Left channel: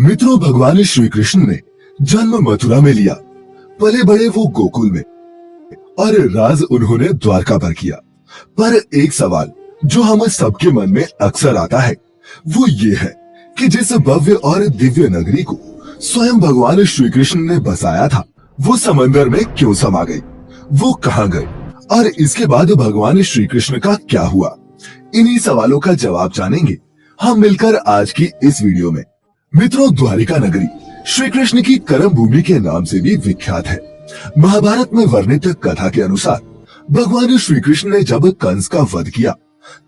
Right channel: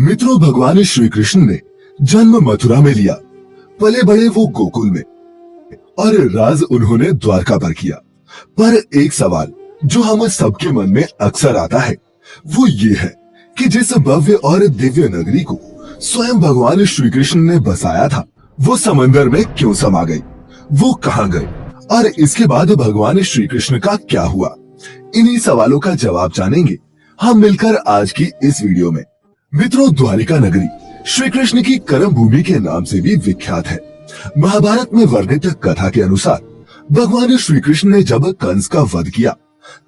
मित्रों, भगवान श्री कृष्ण ने जन्म मथुरा में लिया, पले बड़े वो गोकुल में और राज उन्होंने द्वारका पर किया। पर एक सवाल जो हम सबके मन में अक्सर आता है वो ये है कि जिस भव्य और दिव्य नगरी को स्वयं भगवान श्री कृष्ण ने बसाया था वो समंदर में क्यों समा गई, वो कहाँ गई और इसके बाद भगवान श्री कृष्ण का क्या हुआ। इन्हीं सवालों का जवाब जानेंगे हम मिलकर आज की इस वीडियो में। मित्रों, द्वारिका नगरी श्री कृष्ण की कर्म भूमि के नाम से भी विख्यात है। महाभारत में वर्णित कथा के अनुसार भगवान श्री कृष्ण ने जब कंस का वध किया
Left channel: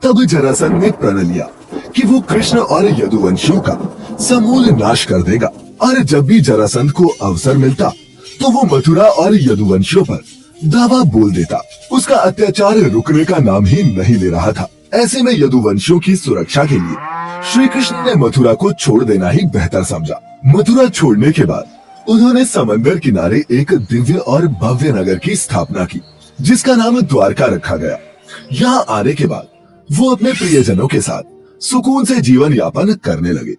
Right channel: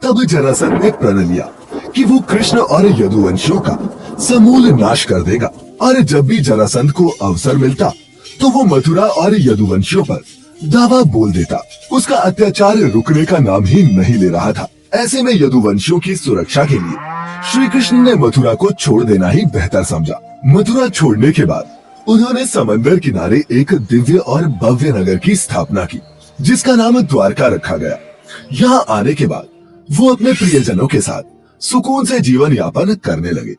तब जरासंध ने प्रण लिया कि वो कृष्ण और यदुवंशियों का समूल नाश कर देगा और जब भी जरासंध को अवसर मिलता तो वो मथुरा और यदुवंशियों पर दावा बोल देता। उसका अत्याचार रुकने का नाम ही नहीं ले रहा था। ऐसे में यदुवंशियों की सुरक्षा के लिए श्री कृष्ण ने मथुरा को छोड़ देना ही बेहतर समझा। मथुरा छोड़ने के बाद उन्होंने समंदर किनारे एक दिव्य और भव्य नगर की स्थापना की जिसका नाम द्वारका रखा गया। यहाँ आने के बाद वो अपने प्रियजनों के साथ सुकून से जीवन यापन करने लगे।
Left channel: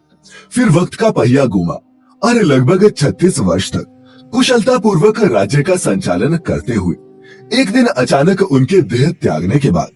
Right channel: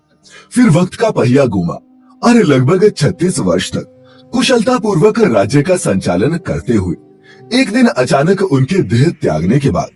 फिर वक्त का पहिया घूमा और लगभग 36 वर्ष तक कुशलता पूर्वक राज्य का संचालन करते हुए एक दिन अचानक उनके देह त्यागने के बाद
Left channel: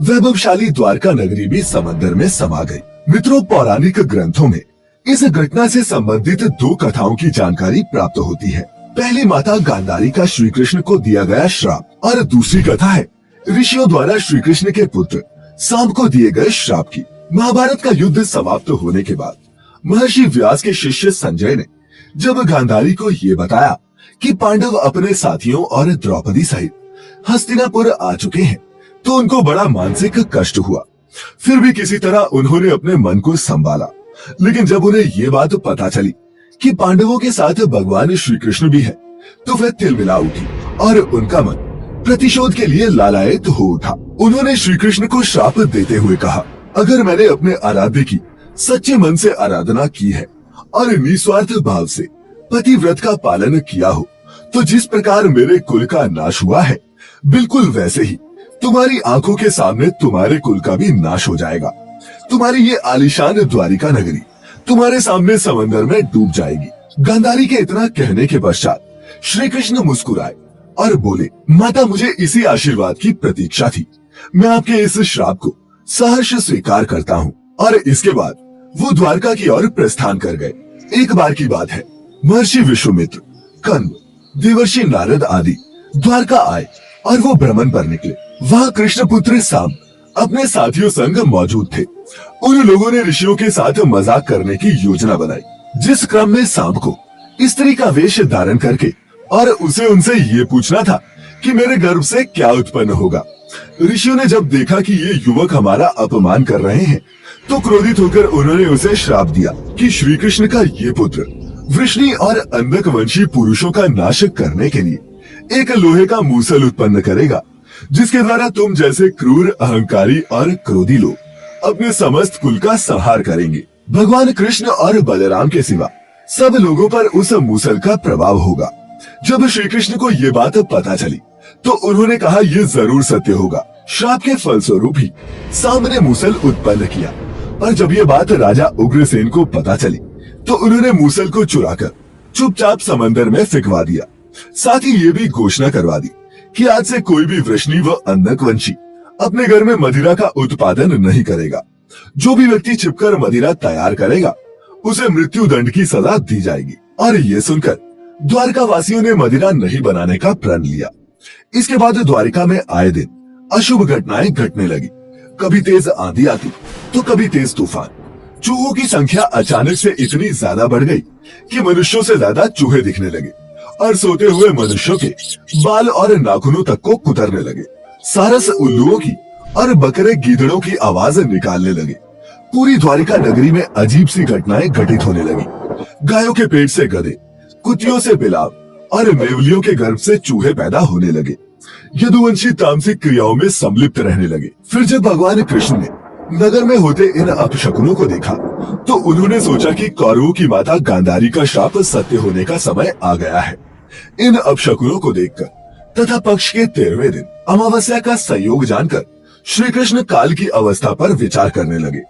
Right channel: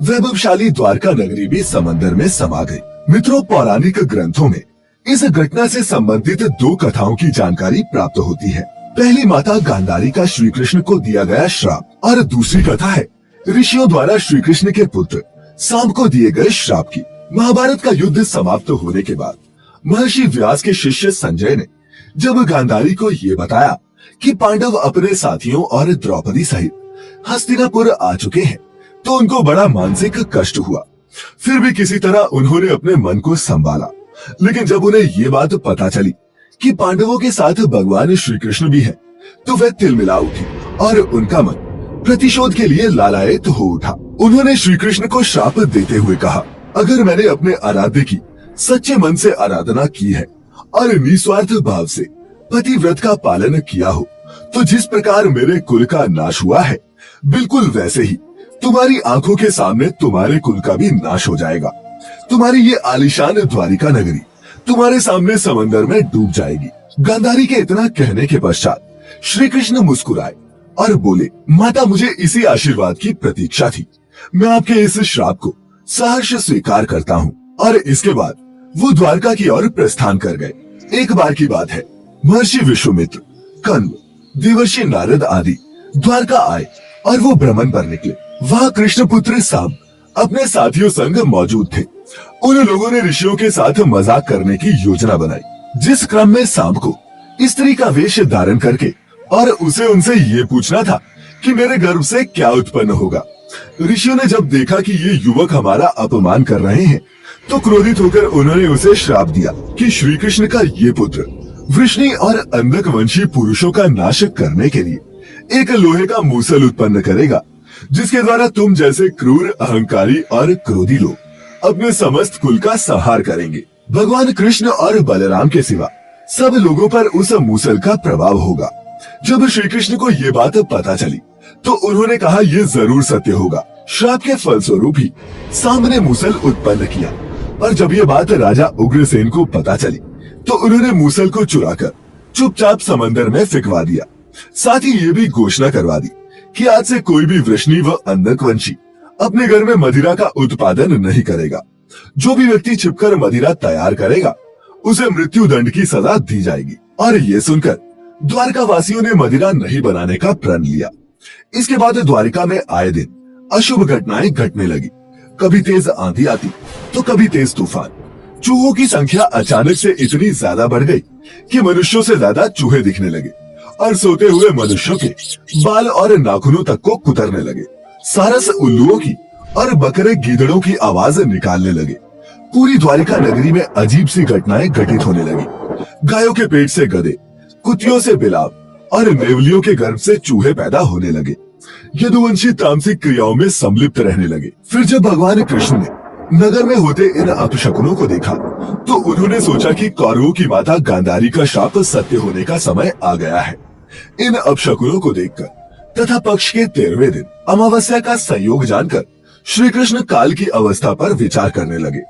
वैभवशाली द्वारका नगरी भी समंदर में समा गई। मित्रों, पौराणिक ग्रंथों में इस घटना से संबंधित दो कथाओं की जानकारी प्राप्त होती है। पहली माता गांधारी का श्री कृष्ण को दिया गया श्राप और दूसरी कथा है ऋषियों द्वारा श्री कृष्ण के पुत्र सांब को दिए गए श्राप की। महाभारत का युद्ध समाप्त होने के बाद महर्षि व्यास के शिष्य संजय ने जब गांधारी को ये बताया कि पांडव अपने साथियों और द्रौपदी सहित हस्तिनापुर आ चुके हैं तो उनको बड़ा मानसिक कष्ट हुआ। फिर भी किसी तरह उन्होंने अपने मन को संभाला। लेकिन जब उन्हें ये बात पता चली कि पांडवों के साथ भगवान श्री कृष्ण भी है तो वह तिलमिला उठी और उनका मन प्रतिशोध के लिए लालायित हो उठा। उन्होंने श्री कृष्ण को श्राप देते हुए कहा, अगर मैंने अपने आराध्य की सच्चे मन से आराधना की है और निस्वार्थ भाव से पतिव्रत का पालन किया हो तो जिस प्रकार मेरे कुल का नाश हुआ है बिल्कुल वैसे ही तुम्हारी आंखों के सामने तुम्हारे कुल का भी नाश हो जाएगा। तुम्हारी ये आलीशान द्वारिका नगरी तुम्हारे सामने समंदर में डूब जाएगी। गांधारी के इतना कहने के पश्चात श्री कृष्ण मुस्कुराए और बोले, माता, मुझे इसी आशीर्वाद की प्रतीक्षा थी। मैं आपके इस श्राप को सहर्ष स्वीकार करता हूँ। और इसके बाद वो द्वारका की ओर प्रस्थान कर गए। एक बार की बात है, महर्षि विश्वामित्र, कण्व, देवर्षि नारद आदि द्वारका आए और वो भ्रमण पर निकले। वहाँ कृष्ण पुत्र सांब अपने साथियों संग मौजूद थे। उन लोगों ने ऋषियों के साथ मजाक करने की योजना बनाई जिस क्रम में सांब को स्त्री का वेश धारण करके और उसे उनसे ये पूछना था कि मेरे गर्भ से क्या उत्पन्न होगा। ऋषियों ने जब देखा कि ये युवक हमारा अपमान कर रहे हैं तो क्रोधित होकर उन्होंने उसे श्राप दिया कि श्री कृष्ण का ये पुत्र वृष्णि और अंधक वंशी पुरुषों का नाश करने के लिए एक लोहे का मूसल उत्पन्न करेगा जिसके द्वारा तुम जैसे क्रूर, अहंकारी और क्रोधी लोग अपने समस्त कुल का संहार करेंगे। भगवान कृष्ण और बलराम के सिवा सब लोगों पर उस मूसल का प्रभाव होगा। जब श्री कृष्ण को ये बात पता चली तो उन्होंने कहा, ये जरूर सत्य होगा। श्राप के फलस्वरूप ही सांब ने मूसल उत्पन्न किया। पर जब ये बात राजा उग्रसेन को पता चली तो उन्होंने मूसल को चुराकर चुपचाप समंदर में फेंकवा दिया। साथ ही ये भी घोषणा करवा दी कि आज से कोई भी वृष्णि व अंधकवंशी अपने घर में मदिरा का उत्पादन नहीं करेगा। जो भी व्यक्ति छिपकर मदिरा तैयार करेगा उसे मृत्यु दंड की सजा दी जाएगी। और ये सुनकर द्वारका वासियों ने मदिरा नहीं बनाने का प्रण लिया। इसके बाद द्वारिका में आए दिन अशुभ घटनाएं घटने लगी। कभी तेज आंधी आती तो कभी तेज तूफान। चूहों की संख्या अचानक से इतनी ज्यादा बढ़ गई कि मनुष्यों से ज्यादा चूहे दिखने लगे और सोते हुए मनुष्यों के बाल और नाखूनों तक को कुतरने लगे। सारस उल्लुओं की और बकरे गीदड़ों की आवाज निकालने लगे। पूरी द्वारिका नगरी में अजीब सी घटनाएं घटित होने लगी। गायों के पेट से गधे, कुतियों से बिलाव और नेवलियों के गर्भ से चूहे पैदा होने लगे। यदुवंशी तामसिक क्रियाओं में सम्मिलित रहने लगे। फिर जब भगवान कृष्ण ने नगर में होते इन अपशकुनों को देखा तो उन्होंने सोचा कि कौरवों की माता गांधारी का शाप सत्य होने का समय आ गया है। इन अपशकुनों को देखकर तथा पक्ष के 13वें दिन अमावस्या का संयोग जानकर श्री कृष्ण काल की अवस्था पर विचार करने लगे।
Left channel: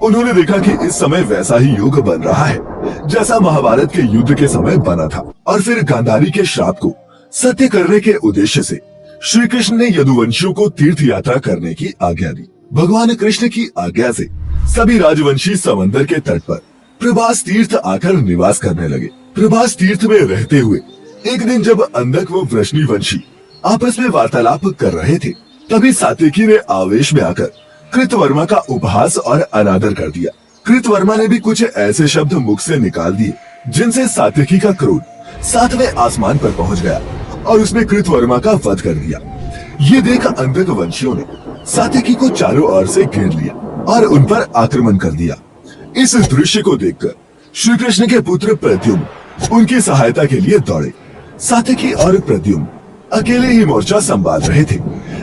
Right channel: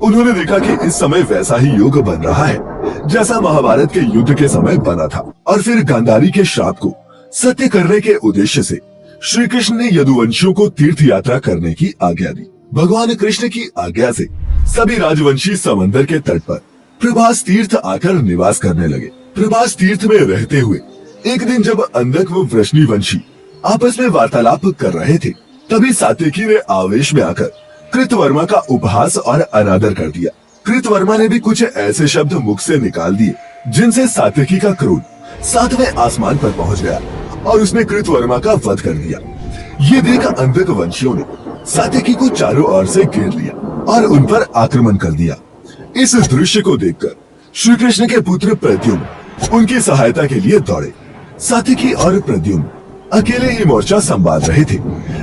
उन्होंने देखा कि इस समय वैसा ही योग बन रहा है जैसा महाभारत के युद्ध के समय बना था। और फिर गांधारी के श्राप को सत्य करने के उद्देश्य से श्री कृष्ण ने यदुवंशियों को तीर्थ यात्रा करने की आज्ञा दी। भगवान कृष्ण की आज्ञा से सभी राजवंशी समंदर के तट पर प्रभास तीर्थ आकर निवास करने लगे। प्रभास तीर्थ में रहते हुए एक दिन जब अंधक व वृष्णिवंशी आपस में वार्तालाप कर रहे थे, तभी सात्यकी ने आवेश में आकर कृतवर्मा का उपहास और अनादर कर दिया। कृतवर्मा ने भी कुछ ऐसे शब्द मुख से निकाल दिए जिनसे सात्यकी का क्रोध 7वें आसमान पर पहुंच गया और उसने कृतवर्मा का वध कर दिया। ये देख अंधक वंशियों ने सात्यकी को चारों ओर से घेर लिया और उन पर आक्रमण कर दिया। इस दृश्य को देखकर श्री कृष्ण के पुत्र प्रद्युम्न उनकी सहायता के लिए दौड़े। सात्यकी और प्रद्युम्न अकेले ही मोर्चा संभाल रहे थे,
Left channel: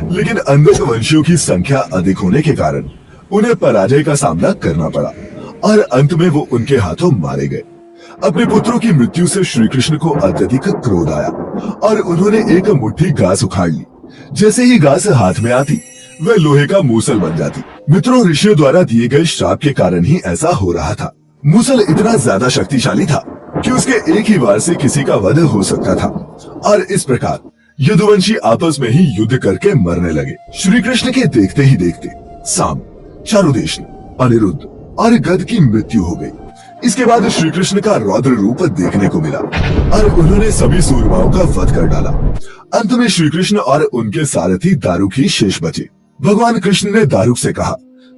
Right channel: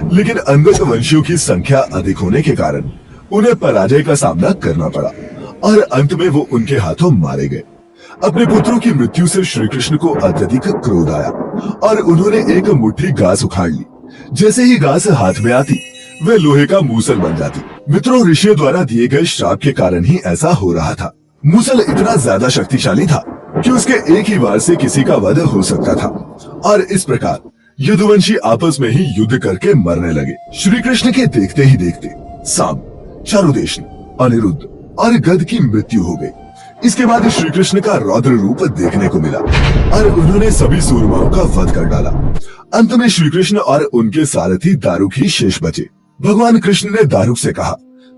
लेकिन अंधक वंशियों की संख्या अधिक होने के कारण उन्हें पराजय का सामना करना पड़ा और अंत में वो उनके हाथों मारे गए। अपने पुत्रों की मृत्यु से श्री कृष्ण को अत्यधिक क्रोध आया और उन्होंने एक मुट्ठी घास उखाड़ ली। जैसे ही घास हाथ में आती वह लोहे का मूसल बन जाती। मित्रों, ऋषियों द्वारा दिए गए श्राप के कारण ही ऐसा हो रहा था। मूसल इतना ज्यादा शक्तिशाली था कि उसके एक ही वार से किसी का वध हो सकता था और इस प्रकार यदुवंशी आपस में ही युद्ध करके मरने लगे। श्री कृष्ण के देखते ही देखते साम, चारुदेश, अनिरुद्ध और गद की मृत्यु हो गई। इसके बाद श्री कृष्ण का रौद्र रूप देखने को मिला और उन्होंने सभी सूरमाओं का वध कर डाला। अंत में श्री कृष्ण और उनके सारथी दारुक ही शेष बचे। भगवान कृष्ण ने दारुक से कहा,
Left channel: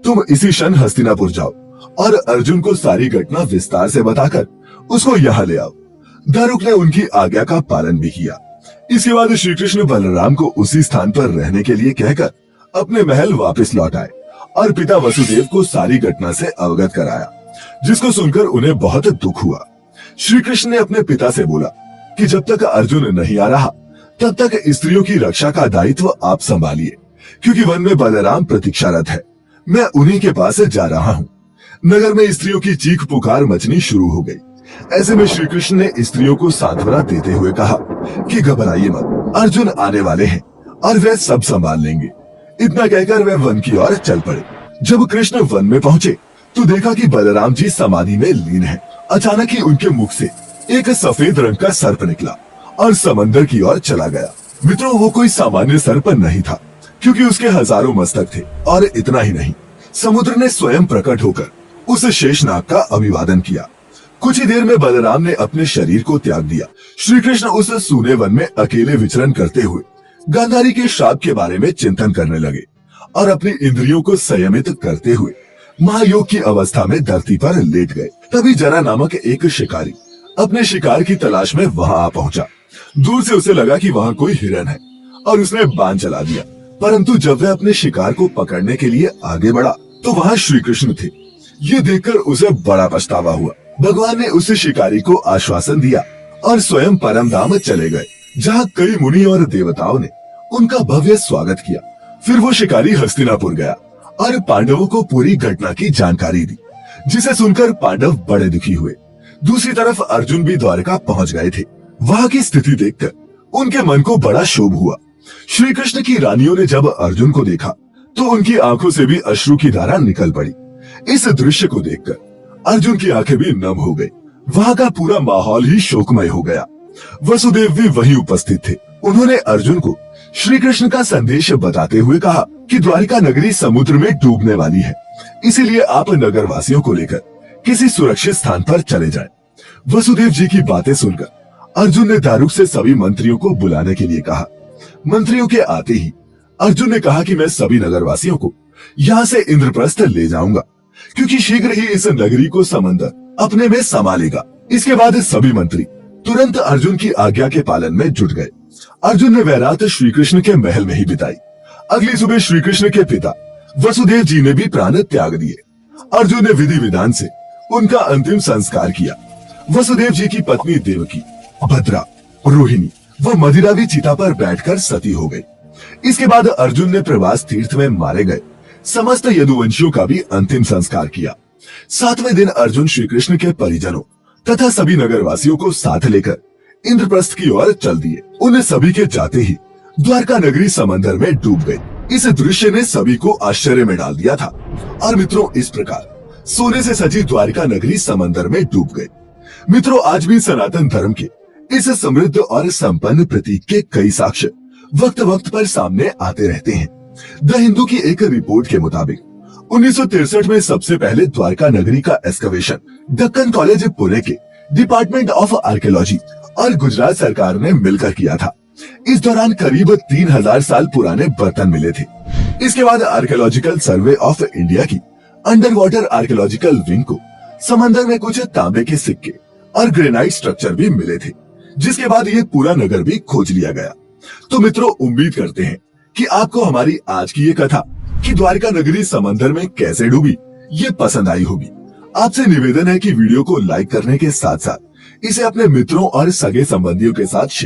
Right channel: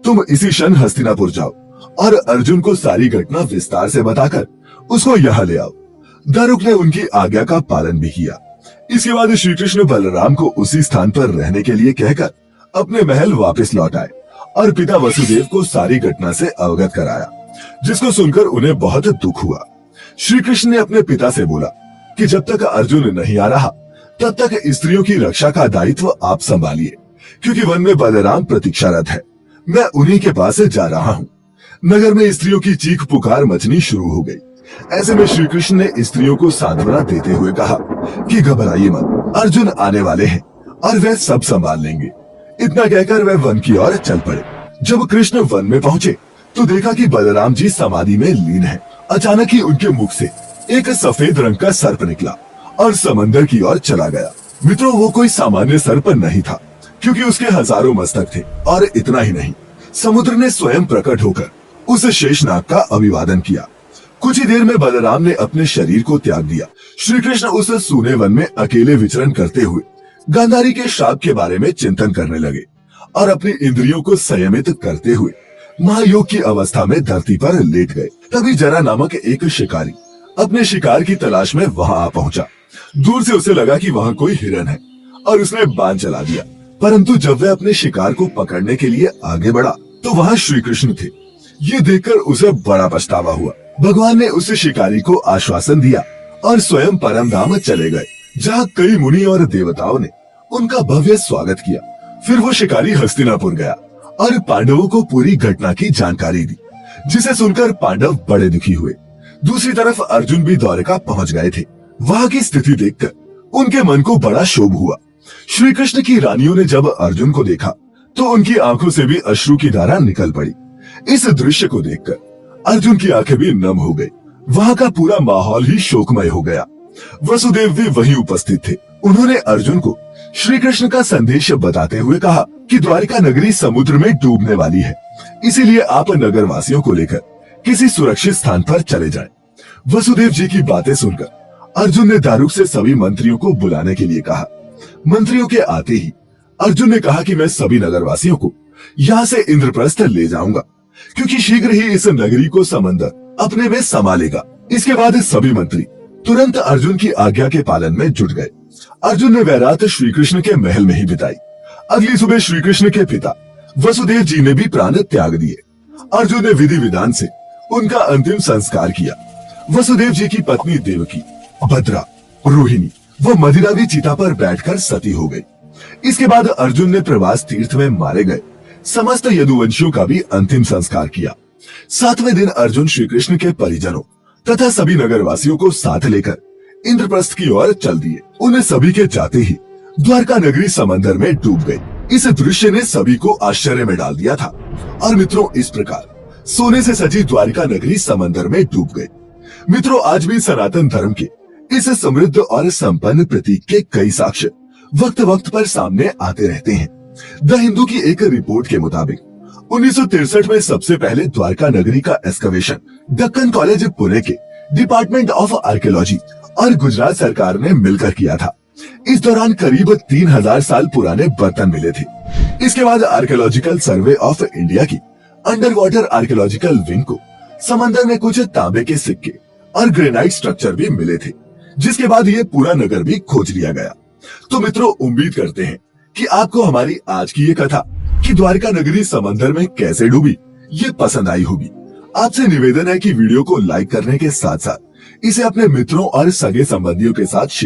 तुम इसी क्षण हस्तिनापुर जाओ और अर्जुन को सारी घटना विस्तार से बताकर उसको यहाँ ले आओ। दारुक ने उनकी आज्ञा का पालन भी किया। इसके बाद श्री कृष्ण बलराम को उसी स्थान पर रहने के लिए कहकर अपने महल वापस लौट आए और पिता वसुदेव को सारी घटना से अवगत कराया, जिसको सुनकर उन्हें बहुत दुख हुआ। श्री कृष्ण ने अपने पिता से बोला कि जब तक अर्जुन नहीं आ रहा तब तक स्त्रियों की रक्षा का दायित्व आप संभालिए, क्योंकि वन में बलराम प्रतीक्षारत है। मैं उन्हीं के पास जा रहा हूँ। नगर में स्त्रियों की चीख पुकार मचनी शुरू हो गई। ऐसे में श्री कृष्ण ने स्त्रियों को सांत्वना देते हुए कहा कि घबराइए मत, अर्जुन आने वाले हैं और वे सब संभाल लेंगे। इतना कहकर वे वन की ओर चल पड़े। जब कृष्ण वन में पहुंचे तो देखा कि बलराम जी समाधि में लीन हैं। अचानक ही उनके मुख से एक सफेद रंग का सर्प निकला और समंदर की ओर चला गया। मित्रों, वो कोई सामान्य सर्प नहीं था, क्योंकि उसके हजारों मस्तक थे। और इतना ही नहीं, समुद्र ने स्वयं प्रकट होकर उस शेषनाग का अभिवादन किया। कुछ ही देर में बलराम ने अपने शरीर को त्याग दिया। श्री कृष्ण उस सूने वन में अकेले विचरण करते हुए गांधारी के श्राप के बारे में चिंतन करने लगे और अपनी इंद्रियों को संयमित करते हुए महायोग की अवस्था में धरती पर लेट गए। तभी जरा नामक एक शिकारी अपने शिकार की तलाश में वहां आ पहुंचा। दूर से उसे लगा कि वहां कोई हिरन है और उसने बाण चला दिया, परंतु जब वह अपने शिकार को पकड़ने के लिए आगे बढ़ा तो वहां श्री कृष्ण थे। ये देखकर उसे बड़ा पछतावा हुआ। भगवान ने उस शिकारी को आश्वासन दिया और स्वयं परम धाम चले गए, जहाँ कई मुनि और देवताओं ने उनका भव्य स्वागत किया। फिर वो शिकारी हस्तिनापुर गया और पांडवों को पूरी घटना की जानकारी दी, जिसे सुनकर पांडव बड़े दुखी हुए। दूसरी तरफ अर्जुन भी द्वारका पहुंच गए थे। वहां की स्थिति देखकर उनके मन को बड़ा क्षोभ हुआ। श्री कृष्ण की रानियों ने जब अर्जुन को देखा तो उनकी आंखों से भी अश्रु की धारा निकल पड़ी। इस दृश्य को देखकर अर्जुन की आंखें भी नम हो गई। वहां का पूरा माहौल ही शोकमय हो गया। वसुदेव भी वहीं उपस्थित थे। उन्होंने अर्जुन को श्री कृष्ण का संदेश बताते हुए कहा कि द्वारिका नगरी समुद्र में डूबने वाली है, इसीलिए आप नगर वासियों को लेकर किसी सुरक्षित स्थान पर चले जाएं। वसुदेव जी की बातें सुनकर अर्जुन ने दारुक से सभी मंत्रियों को बुलाने के लिए कहा। मंत्रियों के आते ही अर्जुन ने कहा कि मैं सभी नगरवासियों को यहाँ से इंद्रप्रस्थ ले जाऊंगा, क्योंकि शीघ्र ही इस नगरी को समंदर अपने में समा लेगा। इसके बाद सभी मंत्री तुरंत अर्जुन की आज्ञा के पालन में जुट गए। अर्जुन ने वह रात श्री कृष्ण के महल में ही बिताई। अगली सुबह श्री कृष्ण के पिता वसुदेव जी ने भी प्राण त्याग दिए। अर्जुन ने विधि विधान से उनका अंतिम संस्कार किया। वसुदेव जी की पत्नी देवकी, भद्रा, रोहिणी व मदिरा भी चिता पर बैठकर सती हो गई। इसके बाद अर्जुन ने प्रवास तीर्थ में मारे गए समस्त यदुवंशियों का भी अंतिम संस्कार किया। 7वें दिन अर्जुन श्री कृष्ण के परिजनों तथा सभी नगरवासियों को साथ लेकर इंद्रप्रस्थ की ओर चल दिए। उन्हें सभी के जाते ही द्वारका नगरी समंदर में डूब गई। इस दृश्य ने सभी को आश्चर्य में डाल दिया था। और मित्रों, इस प्रकार सोने से सजी द्वारिका नगरी समंदर में डूब गई। मित्रों, आज भी सनातन धर्म के इस समृद्ध और संपन्न प्रतीक के कई साक्ष्य वक्त वक्त पर सामने आते रहते हैं। द हिंदू की एक रिपोर्ट के मुताबिक 1963 में सबसे पहले द्वारका नगरी का एक्सकवेशन दक्कन कॉलेज पुणे के डिपार्टमेंट ऑफ आर्कियोलॉजी और गुजरात सरकार ने मिलकर किया था। इस दौरान करीब 3000 साल पुराने बर्तन मिले थे। इसके बाद आर्कियोलॉजिकल सर्वे ऑफ इंडिया की अंडर वाटर आर्कियोलॉजिकल विंग को समंदर में कुछ तांबे के सिक्के और ग्रेनाइट स्ट्रक्चर भी मिले थे, जिसके बाद ये पूरा नगर भी खोज लिया गया। तो मित्रों, उम्मीद करते हैं कि आपको हमारी आज की ये कथा कि द्वारका नगरी समंदर में कैसे डूबी ये पसंद आई होगी। आपसे निवेदन है कि वीडियो को लाइक करने के साथ साथ इसे अपने मित्रों और सगे संबंधियों के साथ शेयर